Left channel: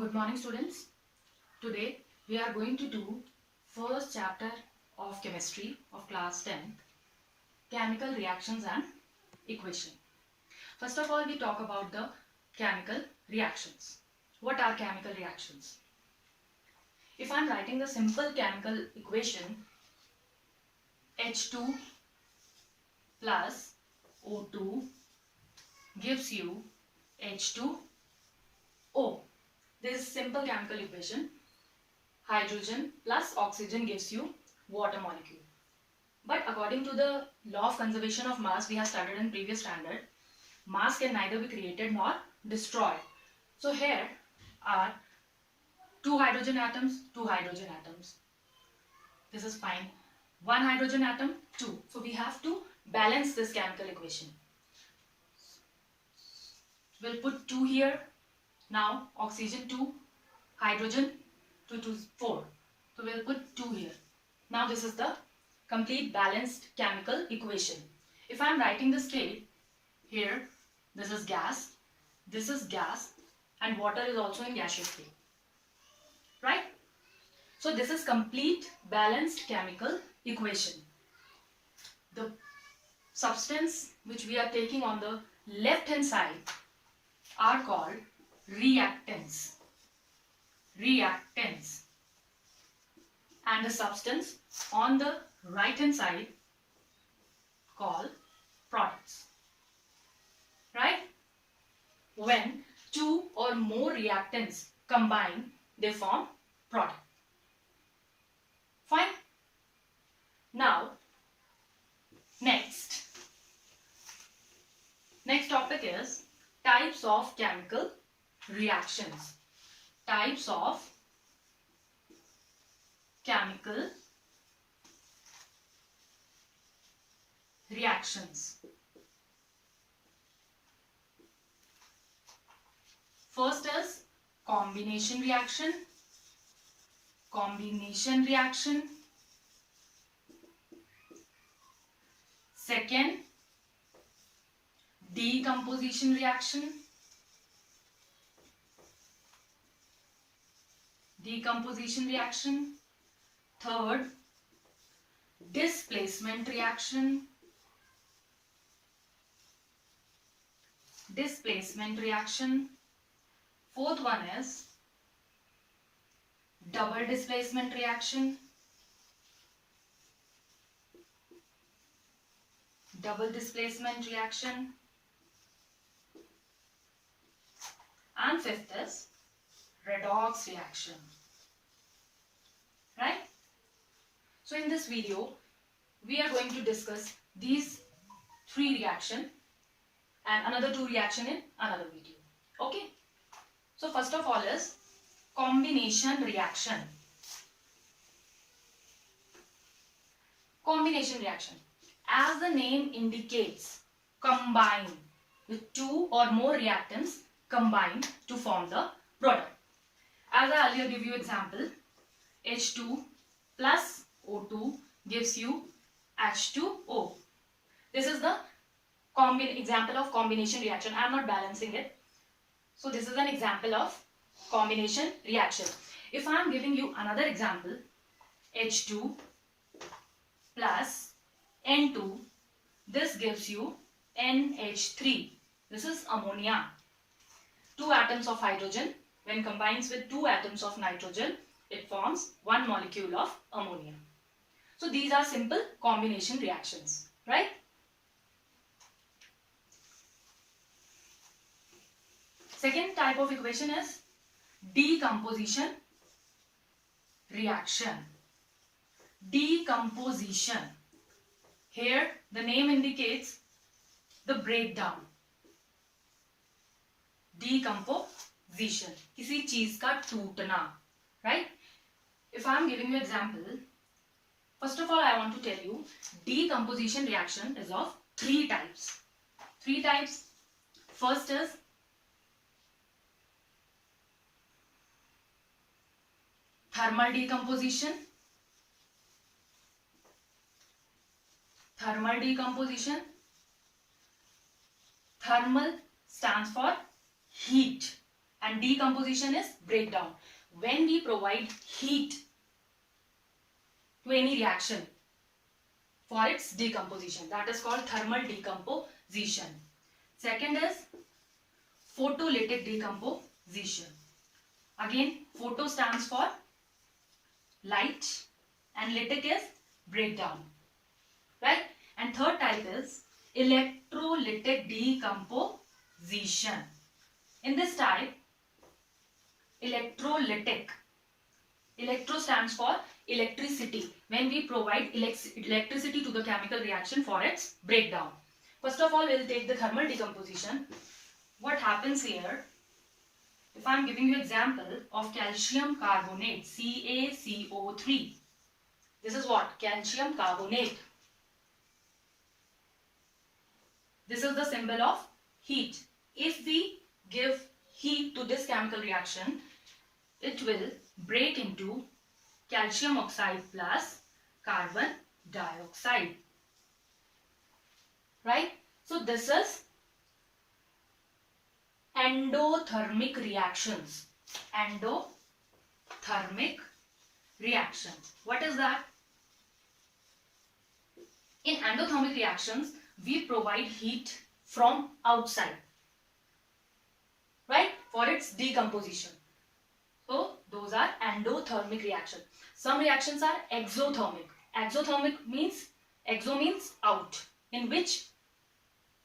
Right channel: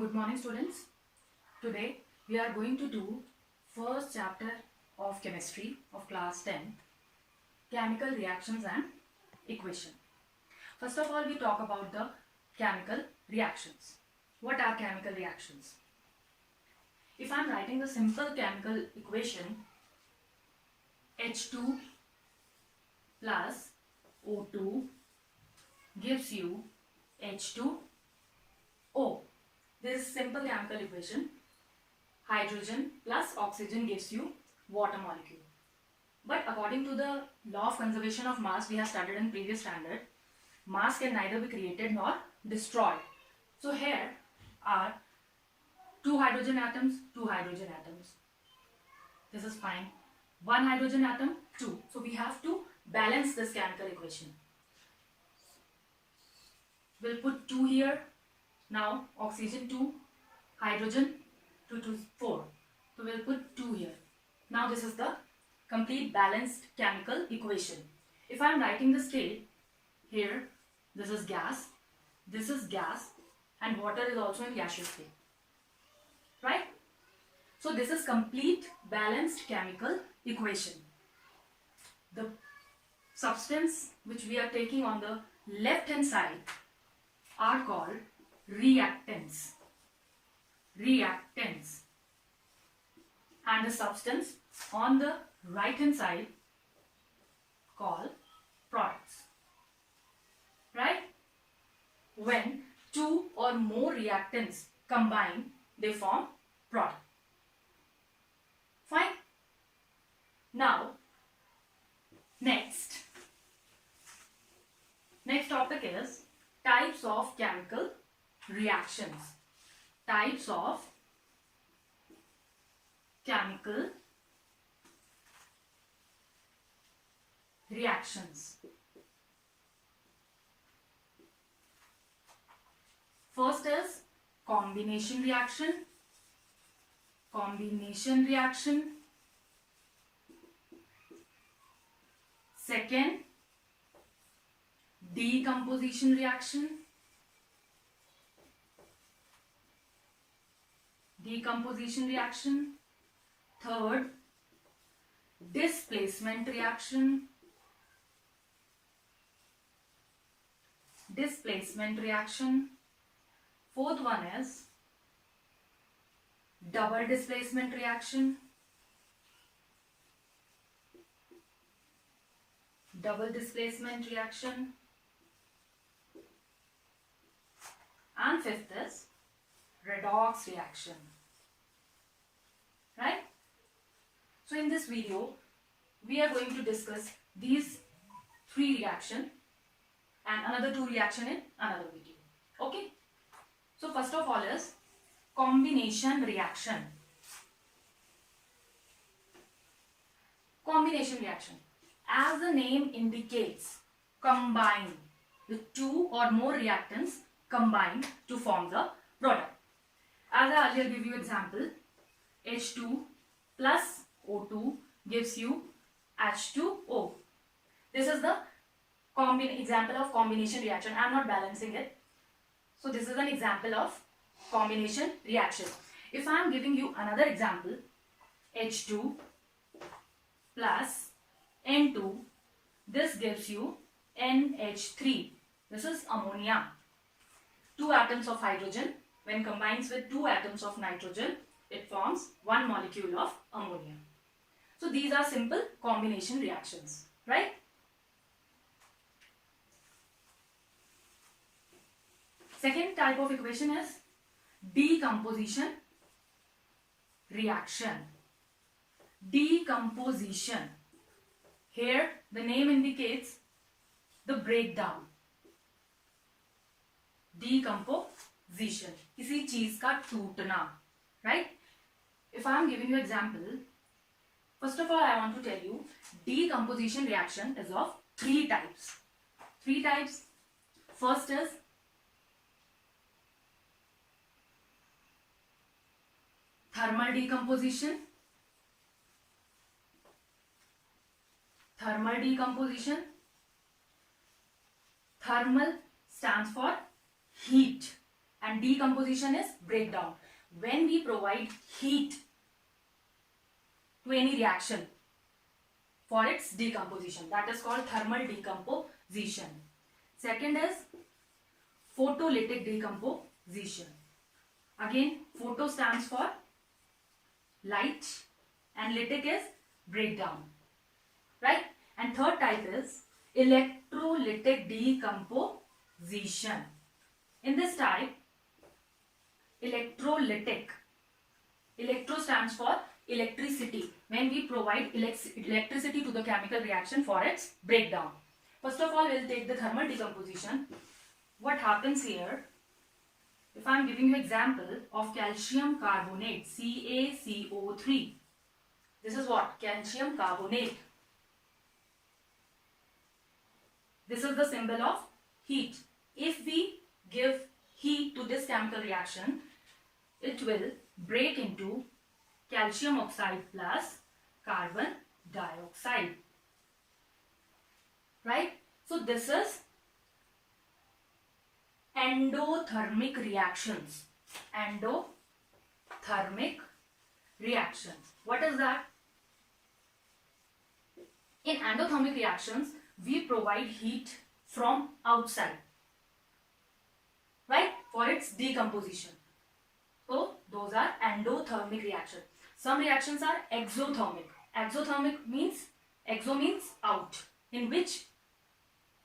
Good morning, students. Today we are going to do first chapter of chemistry of class 10, chemical reactions and equation. First of all, we talk about the chemical reactions. What are chemical reactions? If I am writing the simple chemical equation, H2 plus O2 gives you H2O. This is simple chemical equation. Hydrogen plus oxygen gives you water molecule. But according to the law of conservation of mass we have studied in previous standard, mass can neither be created nor destroyed. So here are two hydrogen atoms. This is fine. One hydrogen atom, two. So we have to balance this chemical equation. We'll put 2 here. Now oxygen 2, hydrogen 2 to 4. So we'll put 2 here. Now this is the complete balanced chemical equation. If I am writing the state here, this is gas, and water is also in gaseous state. Right? So this is complete balanced chemical equation. The substance which we are taking on the left hand side are called reactants. And the substance on the right hand side called products. Right? When two or more reactants combine, they form product. Fine? Now, next topic is types of chemical reactions. Types of chemical reactions. First is combination reaction. Second, decomposition reaction. Third, displacement reaction. Fourth one is double displacement reaction. And fifth is redox reaction. Right? So in this video, we are going to discuss these 3 reactions and another 2 reactions in another video. Okay? So first of all is combination reaction. As the name indicates, combine. The 2 or more reactants combine to form the product. As I earlier give you example, H2 plus O2 gives you H2O. This is the example of combination reaction. I am not balancing it. So this is an example of combination reaction. If I am giving you another example, H2 plus N2, this gives you NH3. This is ammonia. 2 atoms of hydrogen, when combines with 2 atoms of nitrogen, it forms 1 molecule of ammonia. So these are simple combination reactions, right? Second type of equation is decomposition reaction. Here the name indicates the breakdown. Decomposition, किसी चीज का टूटना, right? If I am giving you example, first of all I want to tell you decomposition reaction is of 3 types. First is thermal decomposition. Thermal stands for heat. and decomposition is breakdown. When we provide heat to any reaction for its decomposition, that is called thermal decomposition. Second is photolytic decomposition. Again, photo stands for light and lytic is breakdown, right? And third type is electrolytic decomposition. In this type, electrolytic, electro stands for electricity, when we provide electricity to the chemical reaction for its breakdown. First of all, we will take the thermal decomposition. What happens here, if I am giving you example of calcium carbonate, CaCO3, this is what? Calcium carbonate. This is the symbol of heat. If we give heat to this chemical reaction, it will break into calcium oxide plus carbon dioxide. Right? So this is endothermic reactions. Endothermic reactions. What is that? In endothermic reactions, we provide heat from outside, right, for its decomposition. So those are endothermic reactions. Some reactions are exothermic. Exothermic means, exo means out, in which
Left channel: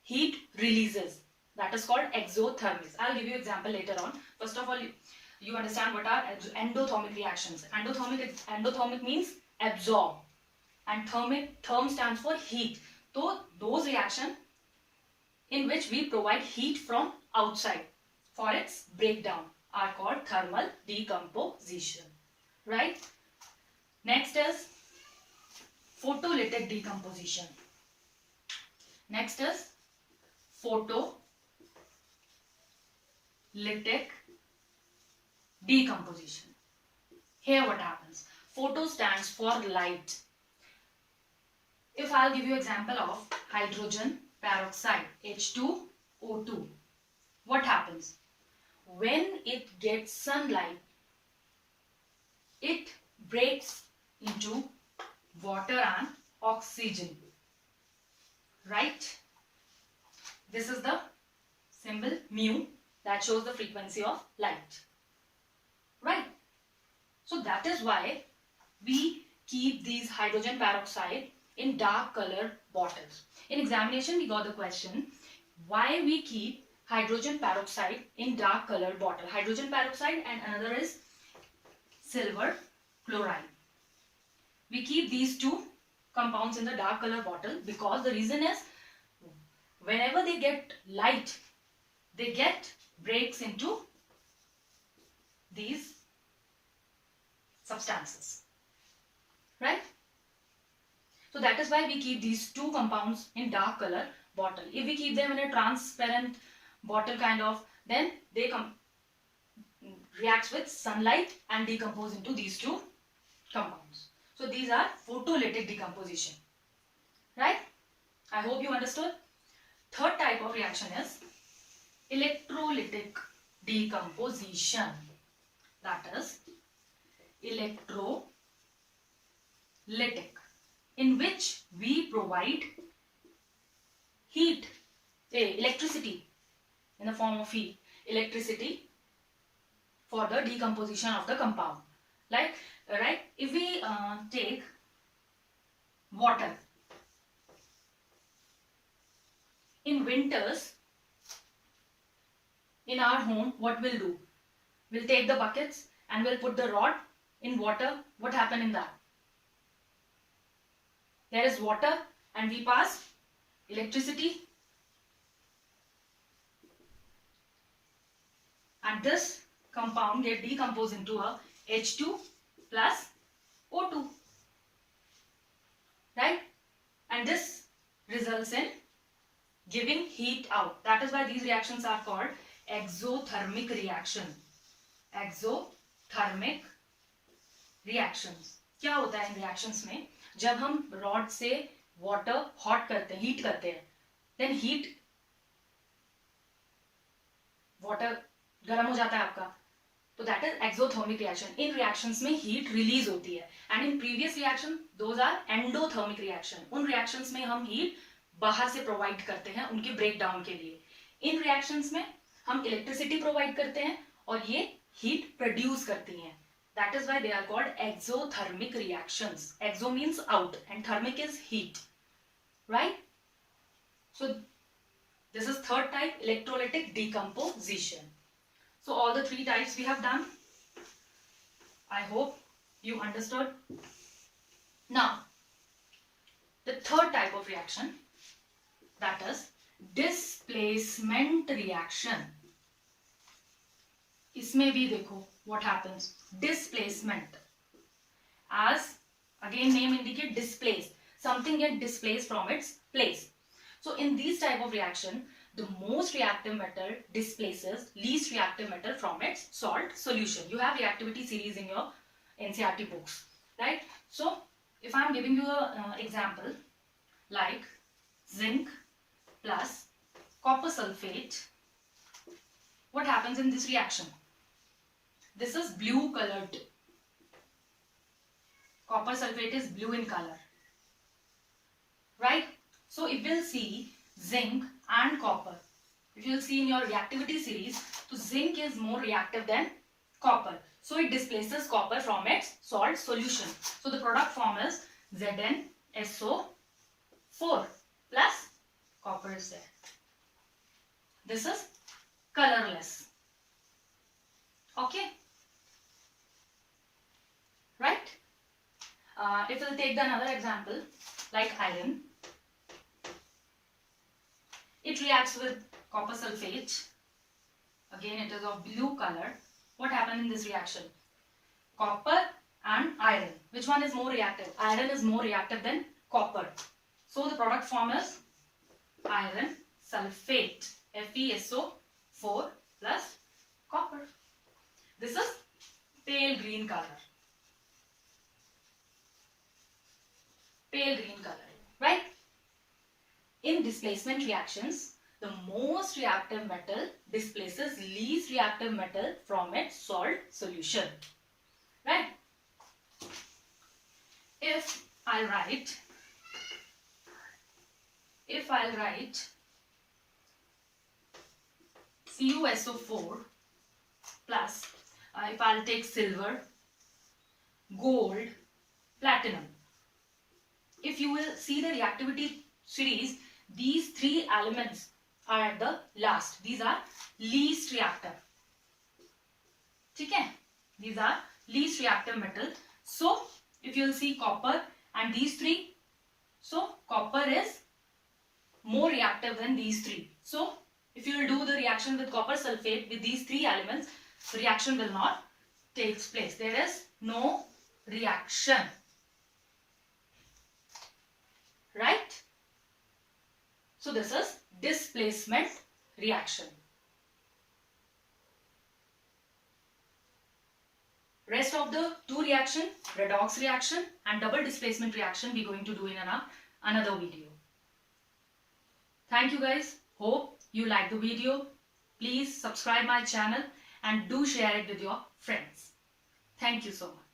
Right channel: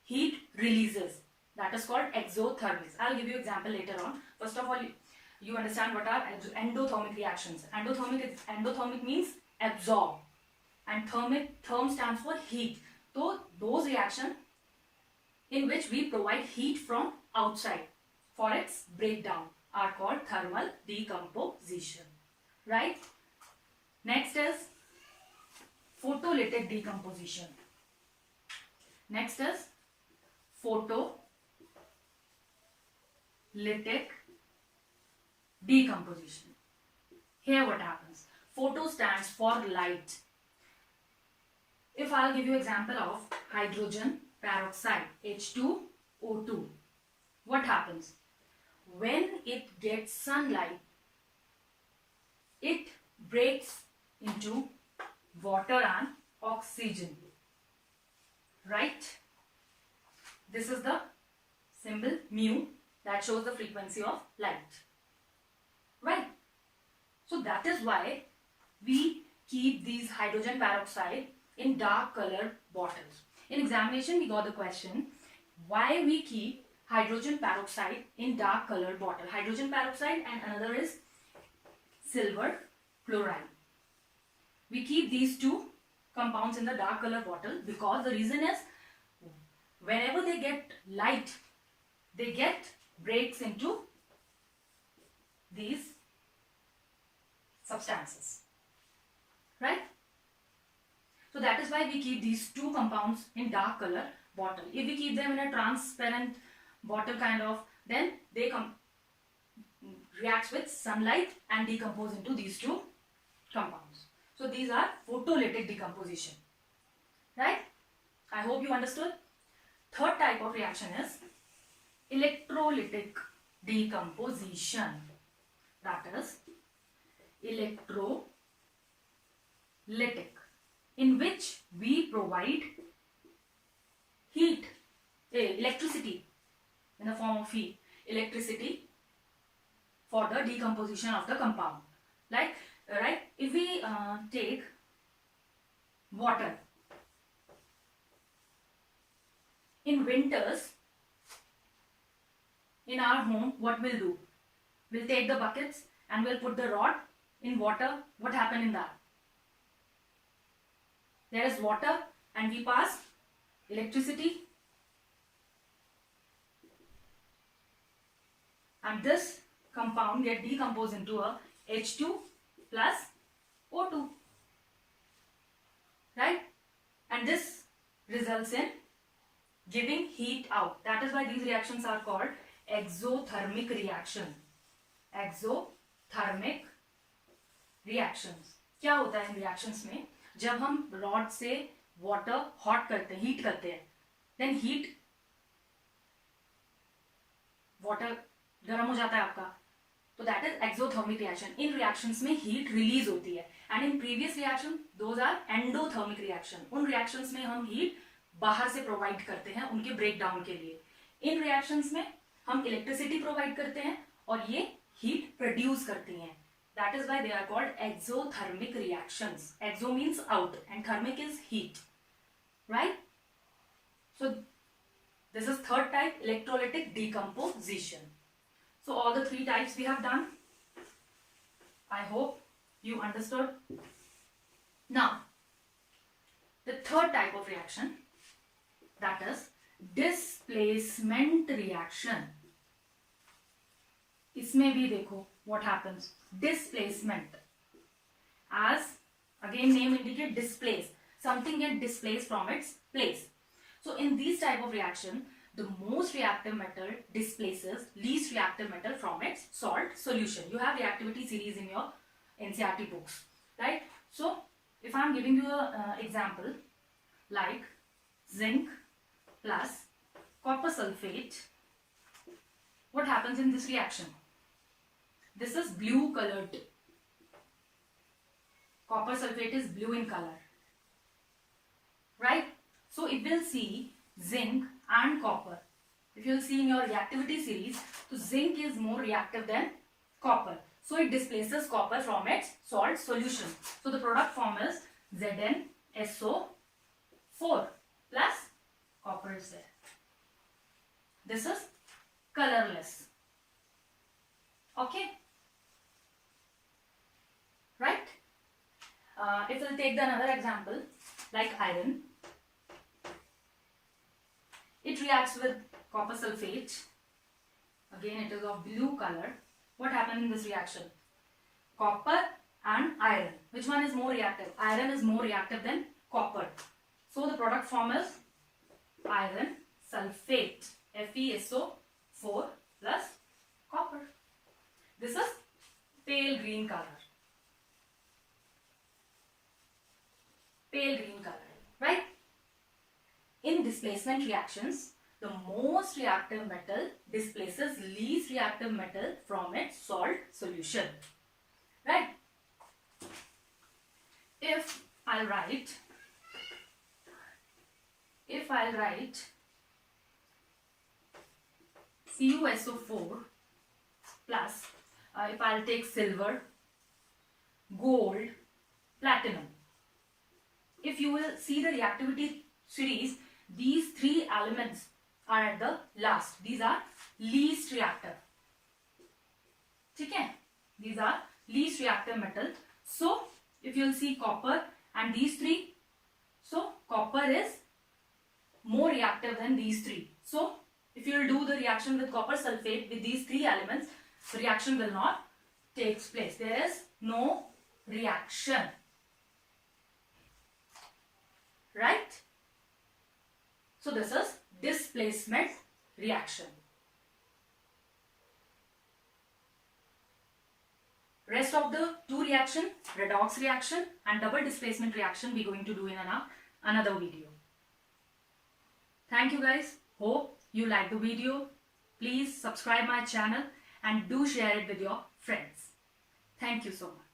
heat releases. That is called exothermics. I'll give you example later on. First of all, you understand what are endothermic reactions. Endothermic means absorb, and therm stands for heat. So those reactions in which we provide heat from outside for its breakdown are called thermal decomposition, right? Next is photolytic decomposition. Next is photolytic decomposition. Here what happens? Photo stands for light. If I'll give you example of hydrogen peroxide, H2O2, what happens? When it gets sunlight, it breaks into water and oxygen, right? This is the symbol mu that shows the frequency of light, right? So that is why we keep these hydrogen peroxide in dark colored bottles. In examination, we got the question, why we keep hydrogen peroxide in dark colored bottle? Hydrogen peroxide and another is silver chloride. We keep these two compounds in the dark colored bottle because the reason is, whenever they get light, they get breaks into these substances, right? So that is why we keep these two compounds in dark color bottle. If we keep them in a transparent bottle kind of, then they reacts with sunlight and decompose into these two compounds. So these are photolytic decomposition, right? I hope you understood. Third type of reaction is electrolytic decomposition. That is electrolytic, in which we provide heat, electricity in the form of heat, electricity for the decomposition of the compound. Like, right? If we take water, in winters, in our home, what we'll do? We'll take the buckets and we'll put the rod in water. What happened in that? There is water and we pass electricity, and this compound get decomposed into a H2 plus O2, right? And this results in giving heat out. That is why these reactions are called exothermic reaction. Exothermic reactions. क्या होता है इन reactions में? जब हम rod से water hot करते हैं, heat करते हैं, देन हीट वाटर गर्म हो जाता है आपका, तो दैट इज एक्सोथर्मिक रिएक्शन. इन रिएक्शंस में हीट रिलीज होती है. And in previous reaction those are endothermic reaction. उन रिएक्शंस में हम हीट बाहर से प्रोवाइड करते हैं उनके ब्रेक डाउन के लिए. इन रिएक्शंस में हम इलेक्ट्रिसिटी प्रोवाइड करते हैं और ये हीट प्रोड्यूस करती हैं. That is why they are called exothermic reactions. Exo means out and thermic is heat, right? So this is third type, electrolytic decomposition. So all the three types we have done. I hope you understood. Now the third type of reaction, that is displacement reaction. इसमें भी देखो what happens. Displacement, as again name indicate, displace. Something get displaced from its place. So in these type of reaction, the most reactive metal displaces least reactive metal from its salt solution. You have reactivity series in your NCERT books, right? So if I am giving you an example like zinc plus copper sulfate, what happens in this reaction? This is blue colored. Copper sulfate is blue in color, right? So if we'll see zinc and copper, if you'll see in your reactivity series, so zinc is more reactive than copper. So it displaces copper from its salt solution. So the product form is ZnSO4 plus copper is there. This is colorless. Okay? Right? If we'll take another example like iron, it reacts with copper sulfate. Again, it is of blue color. What happened in this reaction? Copper and iron. Which one is more reactive? Iron is more reactive than copper. So the product form is iron sulfate, FeSO4 plus copper. This is pale green color. Pale green color, right? In displacement reactions, the most reactive metal displaces least reactive metal from its salt solution, right? If I'll write CuSO4 plus, if I'll take silver, gold, platinum, if you will see the reactivity series, these three elements are at the last. These are least reactive. Okay? These are least reactive metal. So if you will see copper and these three, so copper is more reactive than these three. So if you will do the reaction with copper sulfate with these three elements, the reaction will not take place. There is no reaction, right? So this is displacement reaction. Rest of the two reaction, redox reaction and double displacement reaction, we are going to do in another video. Thank you guys. Hope you like the video. Please subscribe my channel and do share it with your friends. Thank you so much.